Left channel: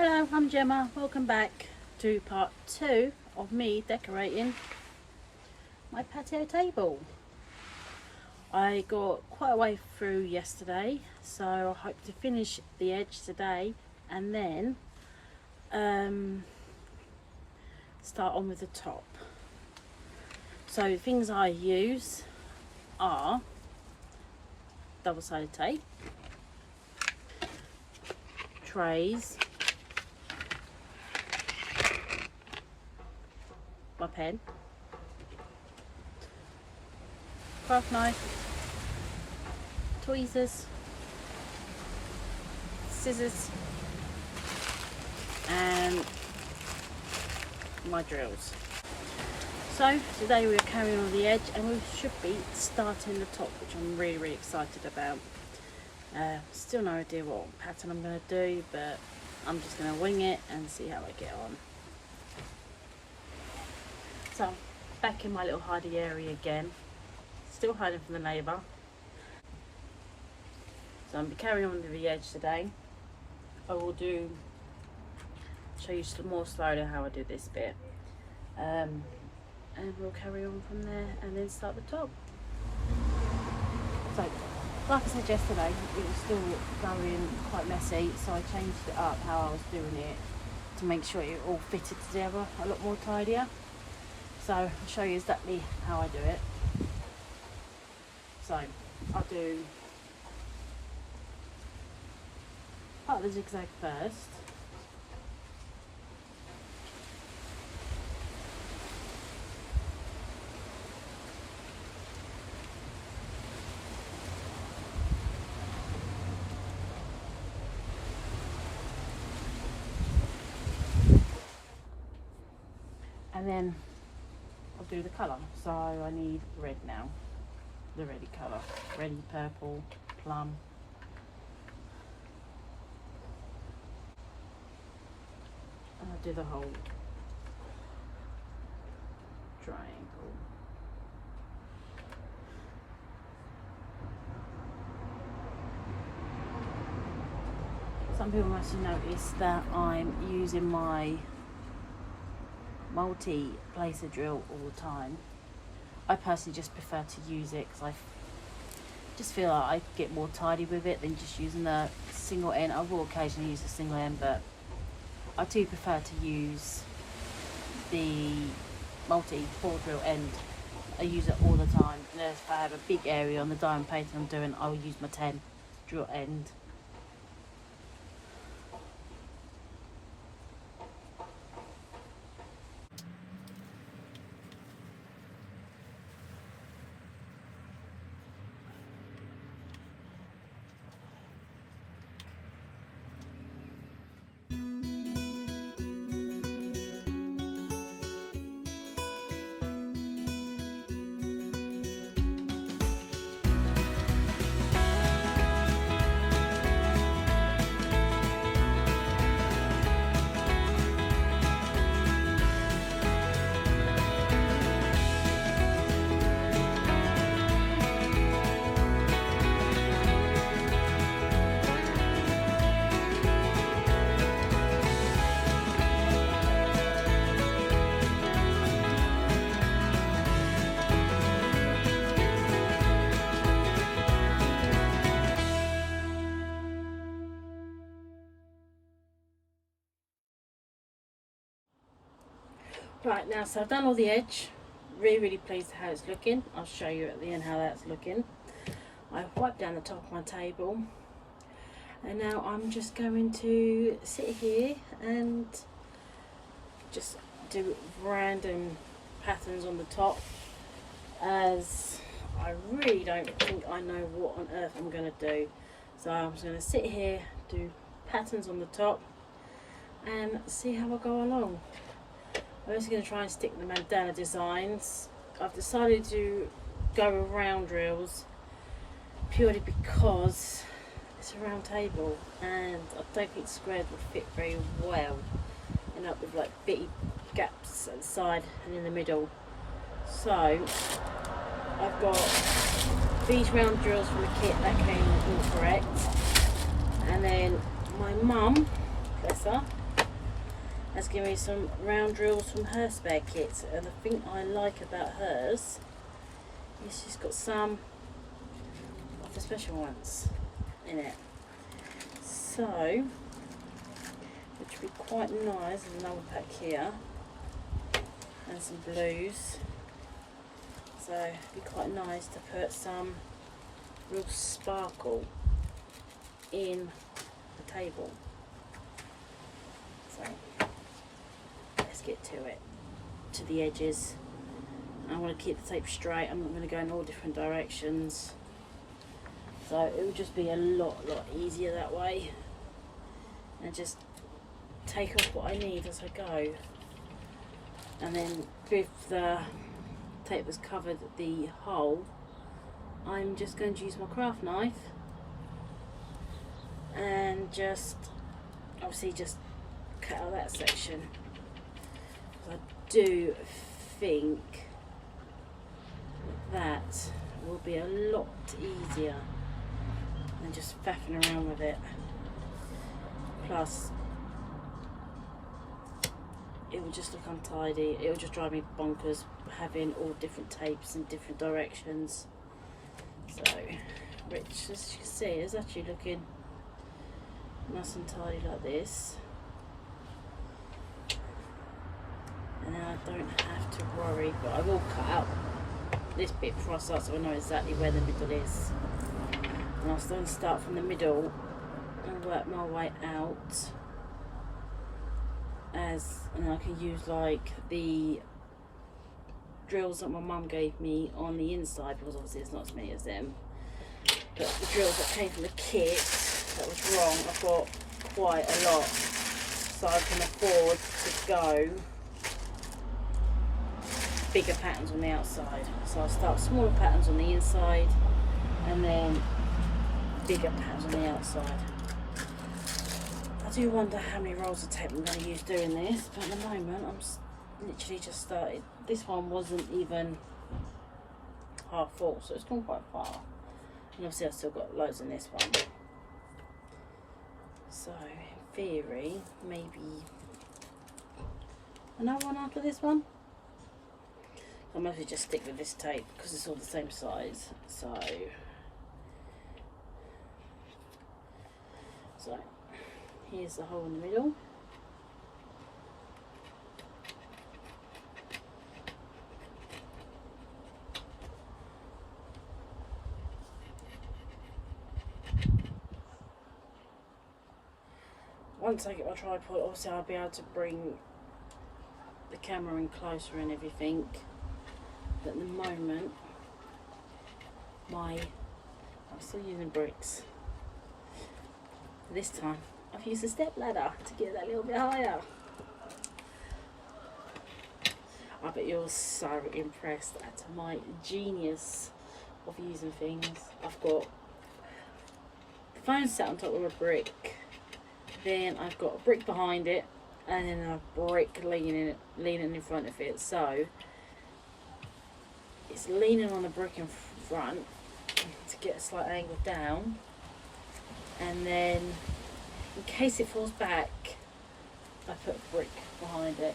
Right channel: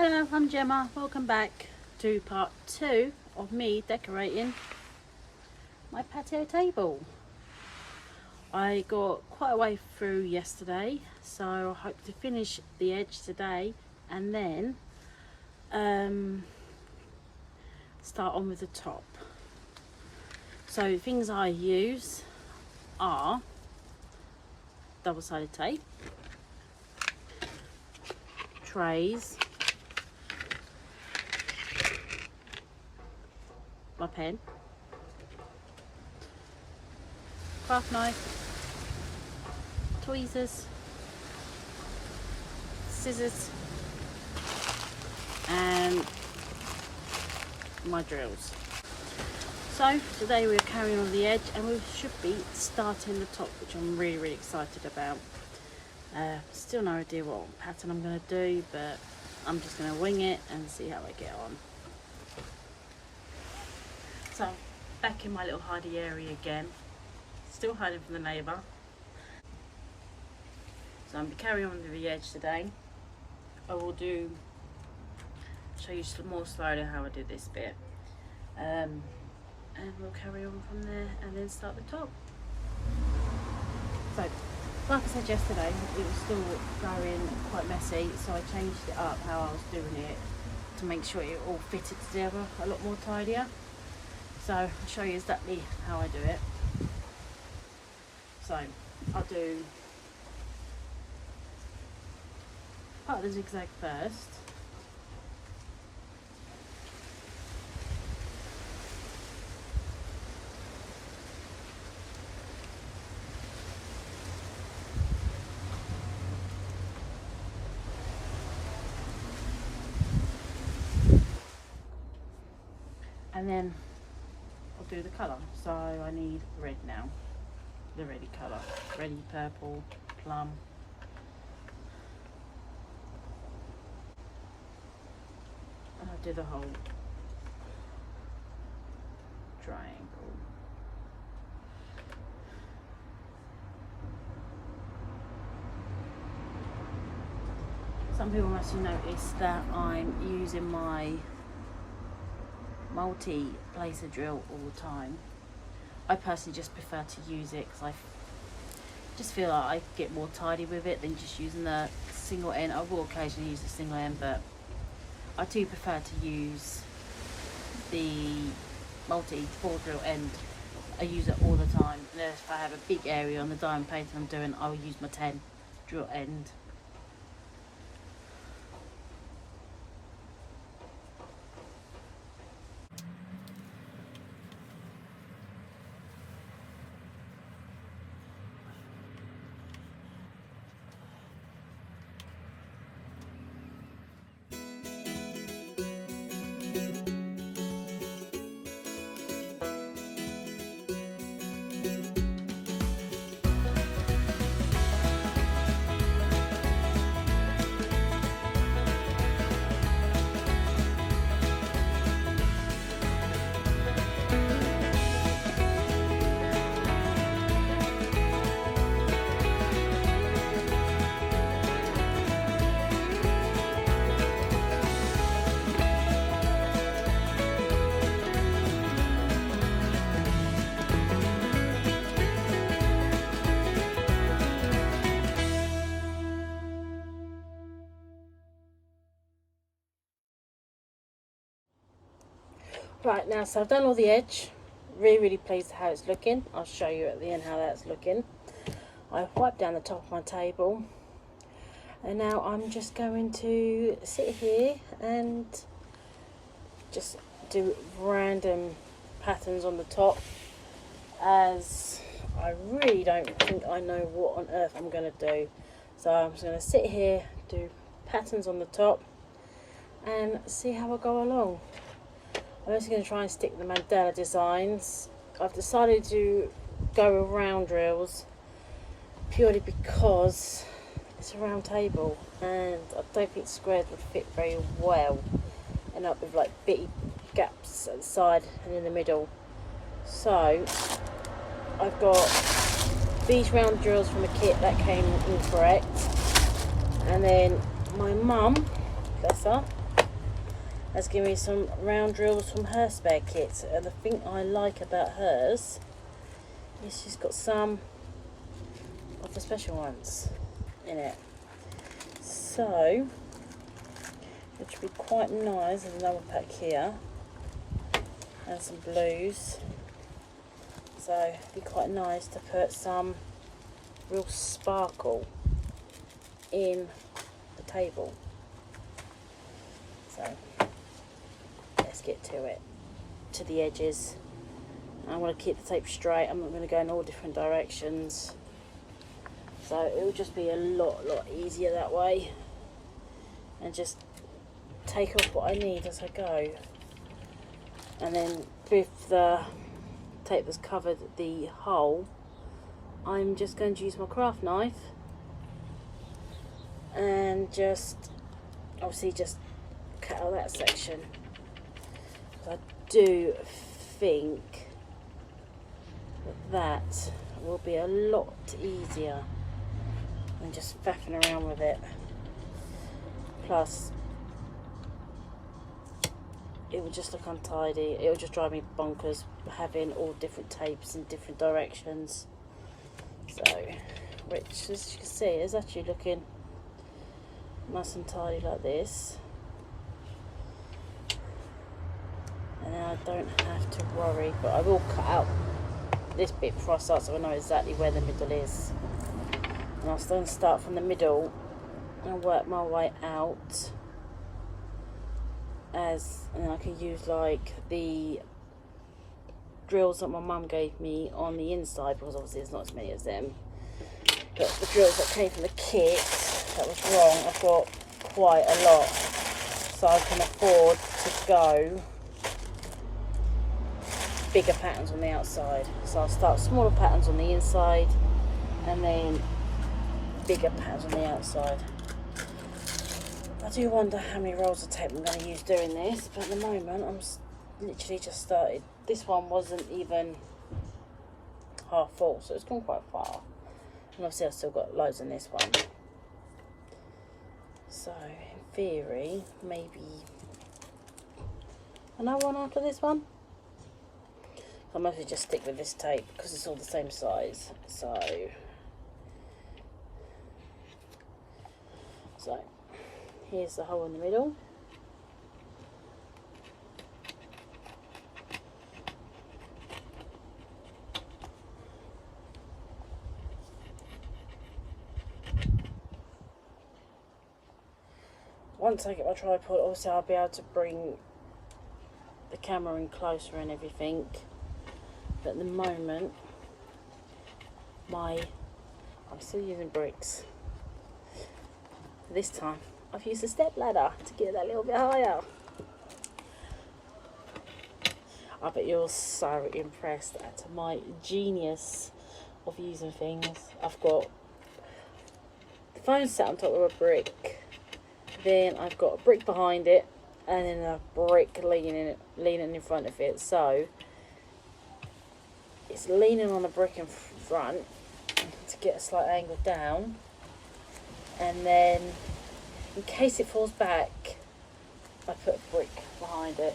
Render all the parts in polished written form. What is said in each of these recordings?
Hello, I'm Gemma. Welcome back to part 2 of me decorating my patio table. I got quite a way through yesterday, so I hope to finish the edge today and then start on with the top. So things I use are double-sided tape, trays, my pen, craft knife, tweezers, scissors, and my drills. So today we're carrying on the edge and we should be starting the top, which I'm really excited about. Still no idea what pattern I'm going to do, but I'm just going to wing it and see how I get on. So I'm back in my little hidey area again, still hiding from the neighbour. So I'm carrying on to the edge today. I will show you more slowly how I do this bit, and we'll carry on from there and then start the top. So like I said yesterday, it was still going quite messy, so I changed it up how I was doing it to make sure it all fitted together a lot more tidier. So I'll show you exactly how I do it. So I'll do part of the zigzag first. And then I'll do the colour. So I need red now, the ready colour, ready purple, plum. And I'll do the whole triangle. Some people must have noticed that I'm using my multi-placer drill all the time. I personally just prefer to use it because I just feel like I get more tidy with it than just using the single end. I will occasionally use the single end, but I do prefer to use the multi-ball drill end. I use it all the time, and if I have a big area on the diamond painting I'm doing, I'll use my 10 drill end. Right, now, so I've done all the edge. Really pleased how it's looking. I'll show you at the end how that's looking. I've wiped down the top of my table, and now I'm just going to sit here and just do random patterns on the top, as I really don't think I know what on earth I'm going to do. So I'm just going to sit here, do patterns on the top, and see how I go along. I'm just going to try and stick the mandala designs. I've decided to go with round drills purely because it's a round table and I don't think squares would fit very well. End up with like bitty gaps at the side and in the middle. So I've got these round drills from a kit that came incorrect, and then my mum, bless her, has given me some round drills from her spare kits, and the thing I like about hers is she's got some of the special ones in it. So, which would be quite nice. There's another pack here, and some blues. So it'd be quite nice to put some real sparkle in the table. So let's get to it, to the edges. I want to keep the tape straight. I'm not going to go in all different directions. So it will just be a lot easier that way. And just take off what I need as I go. And then with the tape that's covered the hole, I'm just going to use my craft knife and just obviously just cut out that section. I do think that will be a lot easier than just faffing around with it. Plus it will just look untidy. It will just drive me bonkers having all different tapes in different directions. So, which as you can see is actually looking nice and tidy like this. And then I don't have to worry, but I will cut out this bit before I start so I know exactly where the middle is. And I'll then start from the middle and work my way out. And I can use like the drills that my mum gave me on the inside, because obviously there's not as many as them, but the drills that came from the kit that was wrong, I've got quite a lot, so I can afford to go bigger patterns on the outside. So I'll start smaller patterns on the inside and then bigger patterns on the outside. I do wonder how many rolls of tape I'm going to use doing this, but at the moment I'm literally just started. This one wasn't even half full, so it's gone quite far. And obviously I've still got loads in this one. So in theory, maybe another one after this one. I mostly just stick with this tape because it's all the same size. So here's the hole in the middle. Once I get my tripod, obviously I'll be able to bring the camera in closer and everything. But at the moment, I'm still using bricks. This time, I've used a step ladder to get that a little bit higher. I bet you're so impressed at my genius of using things. I've got the phone set on top of a brick, then I've got a brick behind it, and then a brick leaning in front of it. So it's leaning on a brick in front to get a slight angle down, and then in case it falls back, I put a brick behind it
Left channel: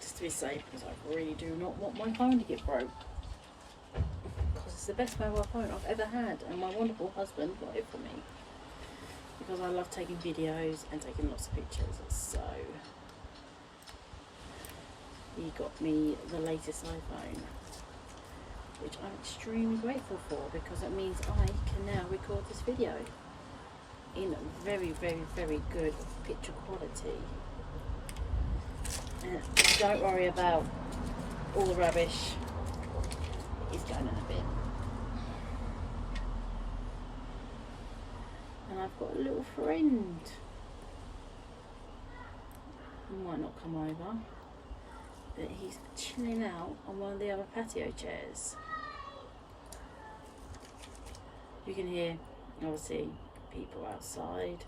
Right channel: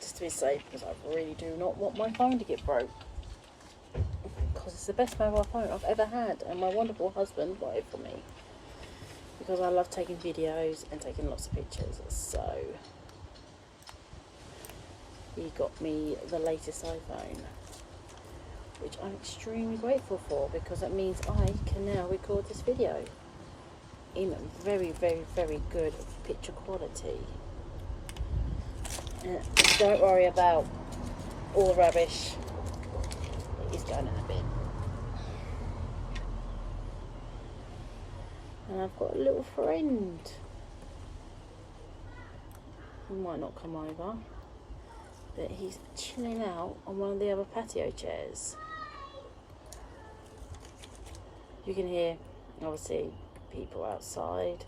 just to be safe, because I really do not want my phone to get broke, because it's the best mobile phone I've ever had, and my wonderful husband got it for me because I love taking videos and taking lots of pictures. So he got me the latest iPhone, which I'm extremely grateful for, because that means I can now record this video in very good picture quality. And don't worry about all the rubbish, it's going in the bin. And I've got a little friend who might not come over, but he's chilling out on one of the other patio chairs. You can hear, obviously, people outside,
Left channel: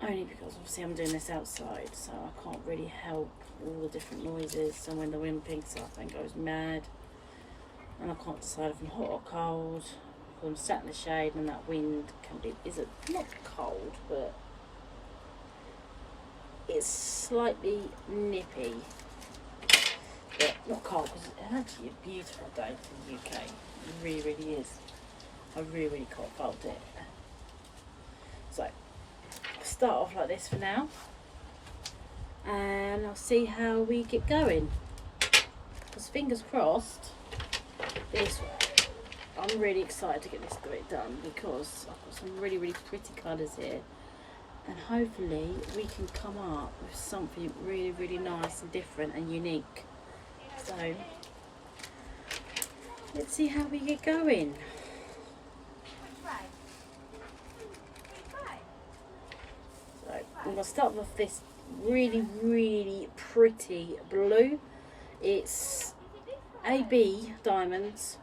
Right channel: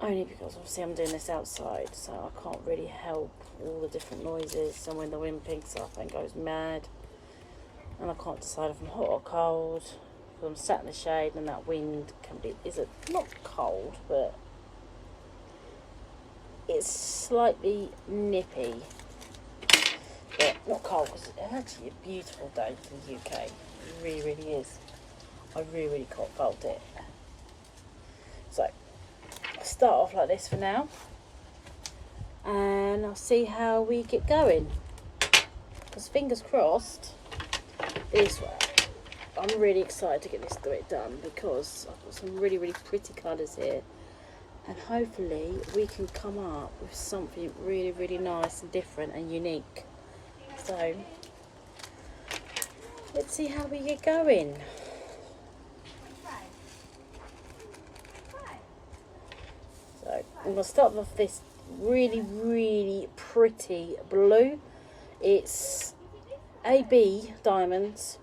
only because obviously I'm doing this outside, so I can't really help all the different noises. And when the wind picks up and goes mad, and I can't decide if I'm hot or cold, because I'm sat in the shade and that wind can be, not cold, but it's slightly nippy, but not cold, because it's actually a beautiful day in the UK. It really, really is. I really, really can't fault it. So I'll start off like this for now, and I'll see how we get going. Because fingers crossed, this way. I'm really excited to get this bit done, because I've got some really, really pretty colours here, and hopefully we can come up with something really, really nice and different and unique. So let's see how we get going. So I'm going to start with this really, really pretty blue. It's AB Diamonds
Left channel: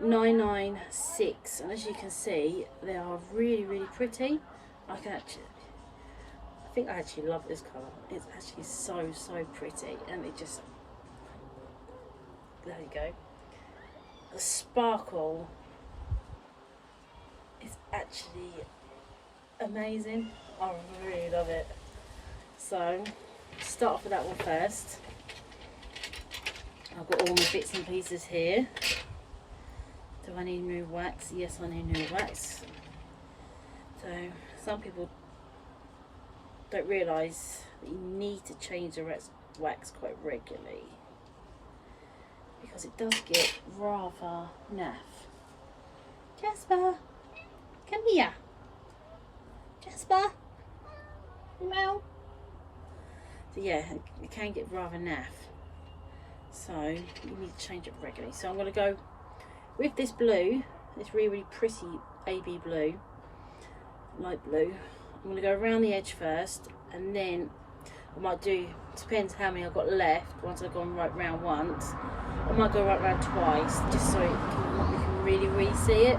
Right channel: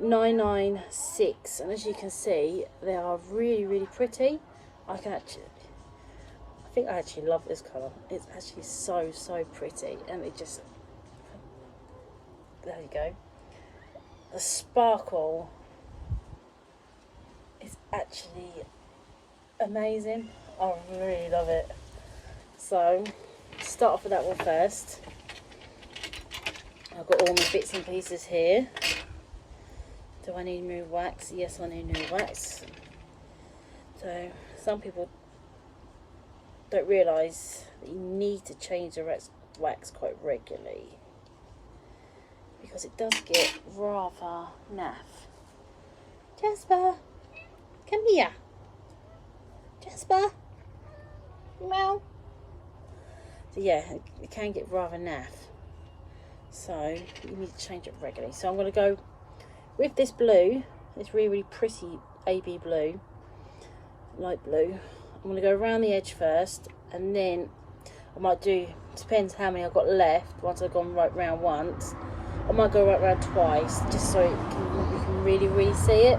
996, and as you can see, they are really, really pretty. I think I actually love this colour. It's actually so, so pretty, and it just, there you go. The sparkle is actually amazing. I really love it. So start off with that one first. I've got all my bits and pieces here. Do I need new wax? Yes, I need new wax. So some people don't realise that you need to change the wax quite regularly, because it does get rather naff. Jasper, come here. Jasper, meow. So yeah, it can get rather naff. So you need to change it regularly. So I'm going to go with this blue, this really, really pretty AB blue, light blue. I'm going to go around the edge first, and then I might do, depends how many I've got left. Once I've gone right round once, I might go right round twice, just so you can really, really see it.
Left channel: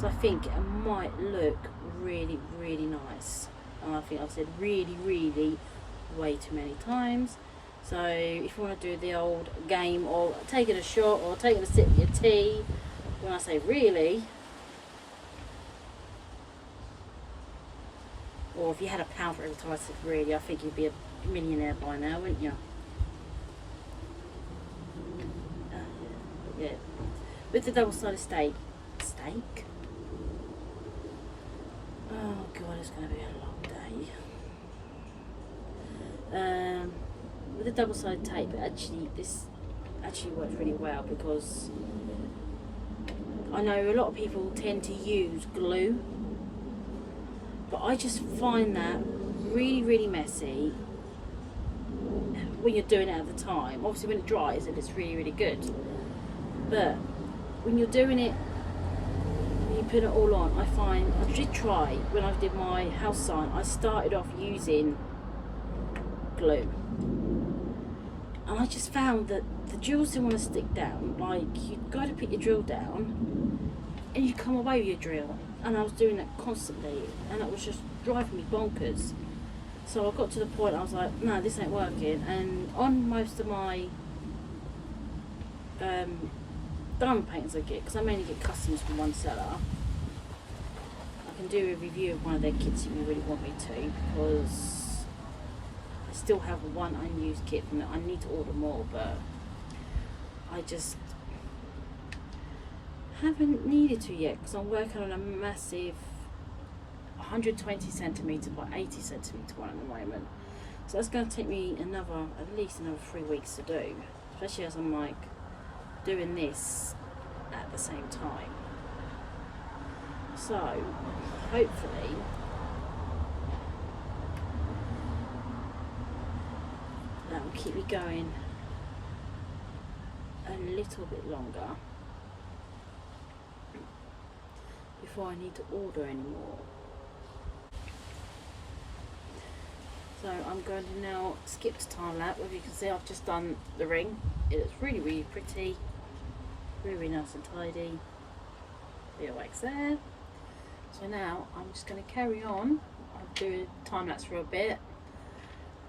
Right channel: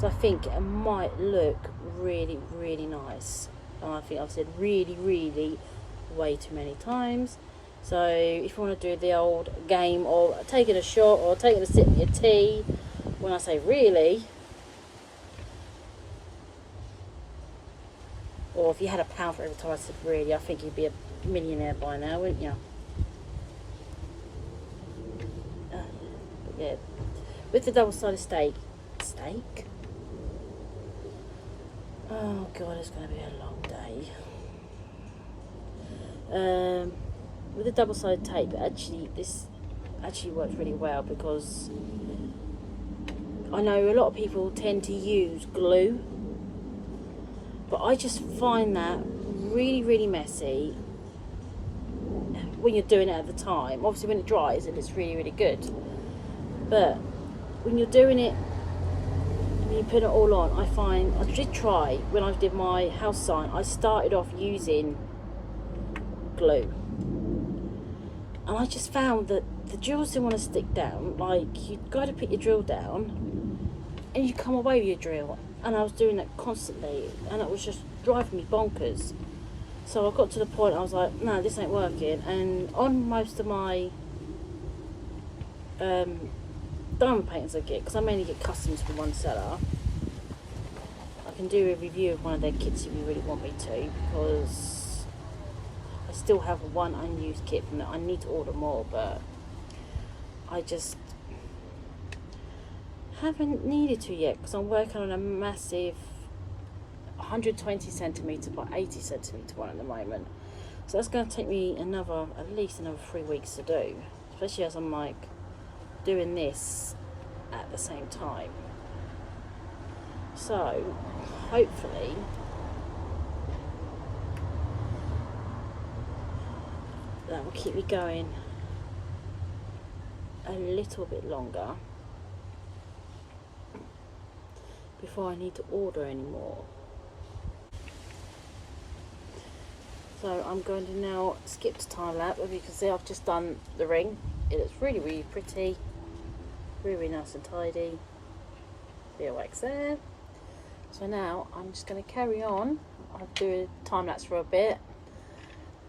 So I think it might look really, really nice. And I think I've said really, really way too many times. So if you want to do the old game of taking a shot or taking a sip of your tea, when I say really, or if you had £1 for every time I said really, I think you'd be a millionaire by now, wouldn't you? But yeah, with the double-sided steak, oh god, it's going to be a long day. With the double-sided tape, this actually works really well, because I know a lot of people tend to use glue, but I just find that really, really messy when you're doing it at the time. Obviously when it dries, it's really, really good, but when you're doing it, when you put it all on, I find, I did try when I did my house sign, I started off using glue, and I just found that the drills didn't want to stick down. Like, you've got to put your drill down and you come away with your drill, and I was doing that constantly, and it was just driving me bonkers. So I got to the point I was like, no, this ain't working. And on most of my diamond paintings I get, because I mainly get customs from one seller, I can do a review of one of their kits if you really want me to, because I still have one unused kit from it. I need to order more, but I just haven't needed to yet, because I'm working on a massive 120 centimetre by 80 centimetre one at the moment. So that's going to take me at least another 3 weeks to do, especially as I'm like doing this at the same time. So hopefully that will keep me going a little bit longer before I need to order anymore. So I'm going to now skip to time lapse. As you can see, I've just done the ring. It's really, really pretty, really, really nice and tidy. Bit of wax there. So now I'm just going to carry on. I'll do a time lapse for a bit,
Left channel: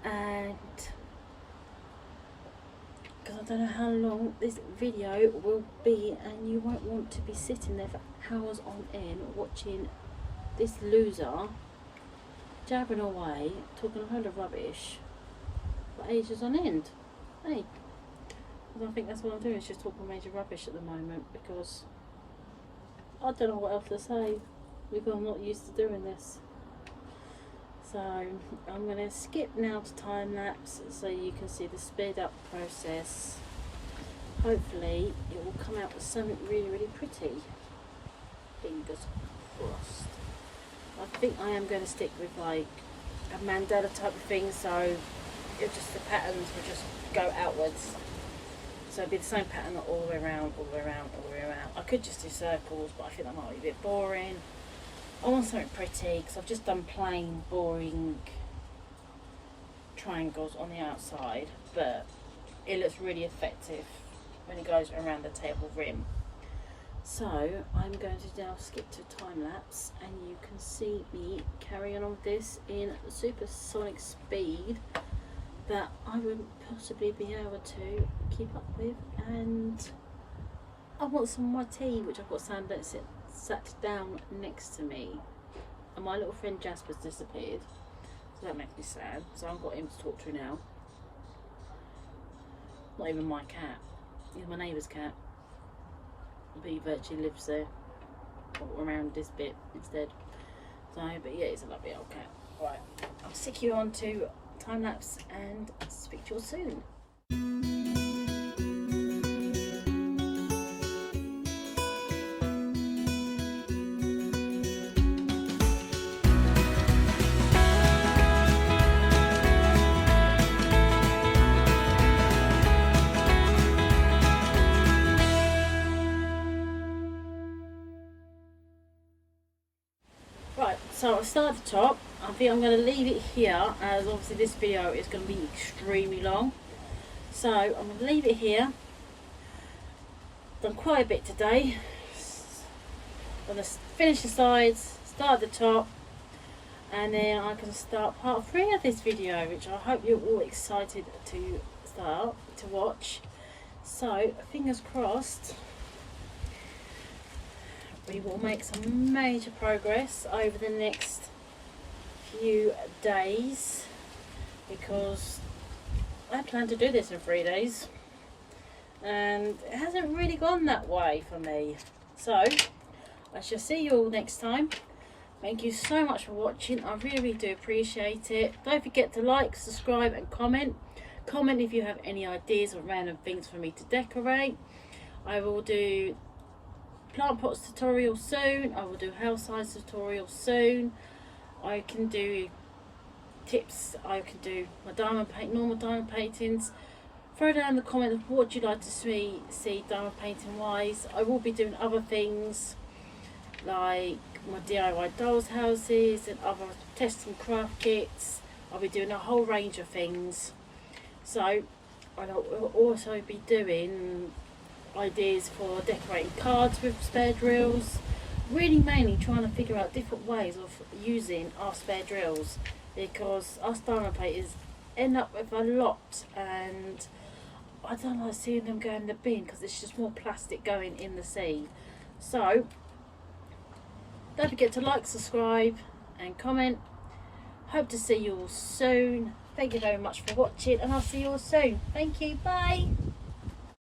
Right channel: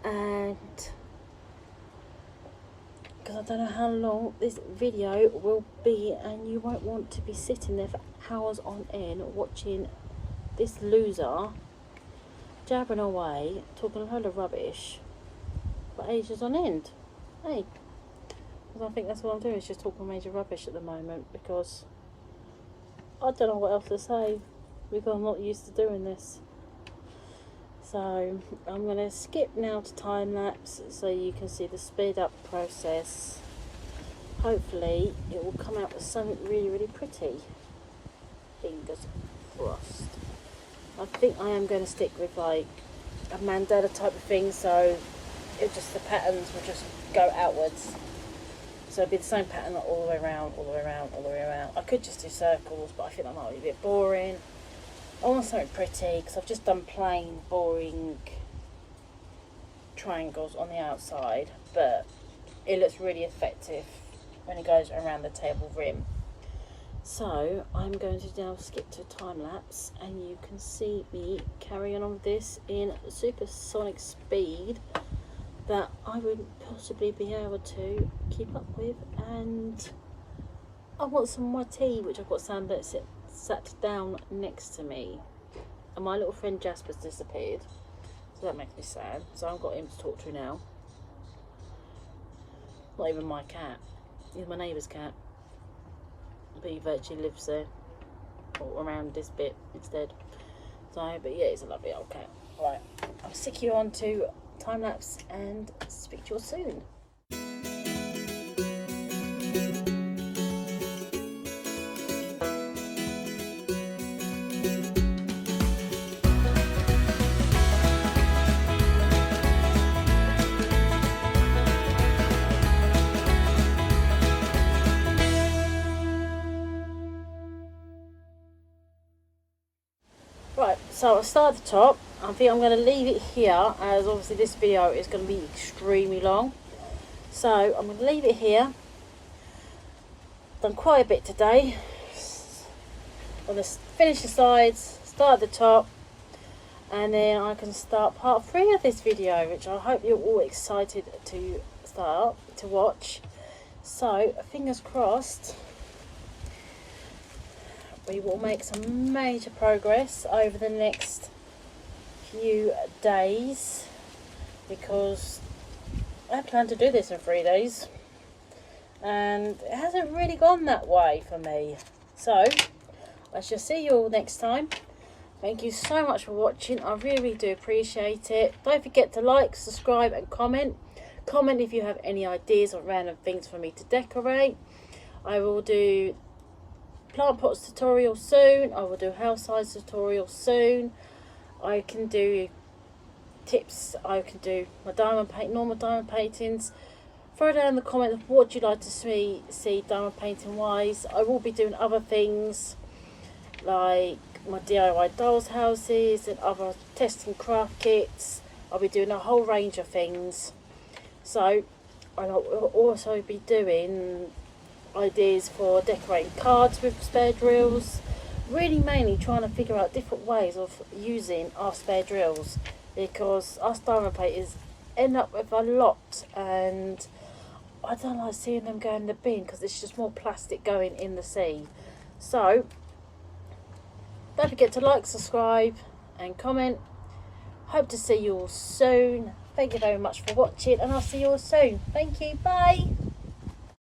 and because I don't know how long this video will be, and you won't want to be sitting there for hours on end watching this loser jabbering away, talking a load of rubbish for ages on end. Hey, I think that's what I'm doing, is just talking major rubbish at the moment, because I don't know what else to say, because I'm not used to doing this. So I'm going to skip now to time lapse so you can see the speed up process. Hopefully it will come out with something really, really pretty. Fingers crossed. I think I am going to stick with like a mandala type of thing, so it just, the patterns will just go outwards. So it'll be the same pattern all the way around, all the way around, all the way around. I could just do circles, but I think that might be a bit boring. I want something pretty, because I've just done plain, boring triangles on the outside, but it looks really effective when it goes around the table rim. So I'm going to now skip to time lapse, and you can see me carrying on with this in supersonic speed that I wouldn't possibly be able to keep up with. And I want some of my tea, which I've got sat down next to me, and my little friend Jasper's disappeared, so that makes me sad. So I've got him to talk to now. Not even my cat, he's my neighbour's cat, but he virtually lives there, or around this bit instead. So, but yeah, he's a lovely old cat. Right, I'll stick you on to time lapse and speak to you all soon. Right, so I'll start at the top. I think I'm going to leave it here, as obviously this video is going to be extremely long. So I'm going to leave it here. Done quite a bit today. I'm going to finish the sides, start at the top, and then I can start part 3 of this video, which I hope you're all excited to watch. So fingers crossed we will make some major progress over the next few days, because I plan to do this in 3 days and it hasn't really gone that way for me. So I shall see you all next time. Thank you so much for watching, I really do appreciate it. Don't forget to like, subscribe and comment if you have any ideas or random things for me to decorate. I will do plant pots tutorial soon, I will do house size tutorial soon. I can do tips, I can do my normal diamond paintings. Throw down in the comments what you'd like to see diamond painting wise. I will be doing other things like my DIY dolls houses and other testing craft kits. I'll be doing a whole range of things. So I'll also be doing ideas for decorating cards with spare drills. Really mainly trying to figure out different ways of using our spare drills, because us diamond painters end up with a lot and I don't like seeing them go in the bin, because it's just more plastic going in the sea. So don't forget to like, subscribe and comment. Hope to see you all soon. Thank you very much for watching, and I'll see you all soon. Thank you, bye.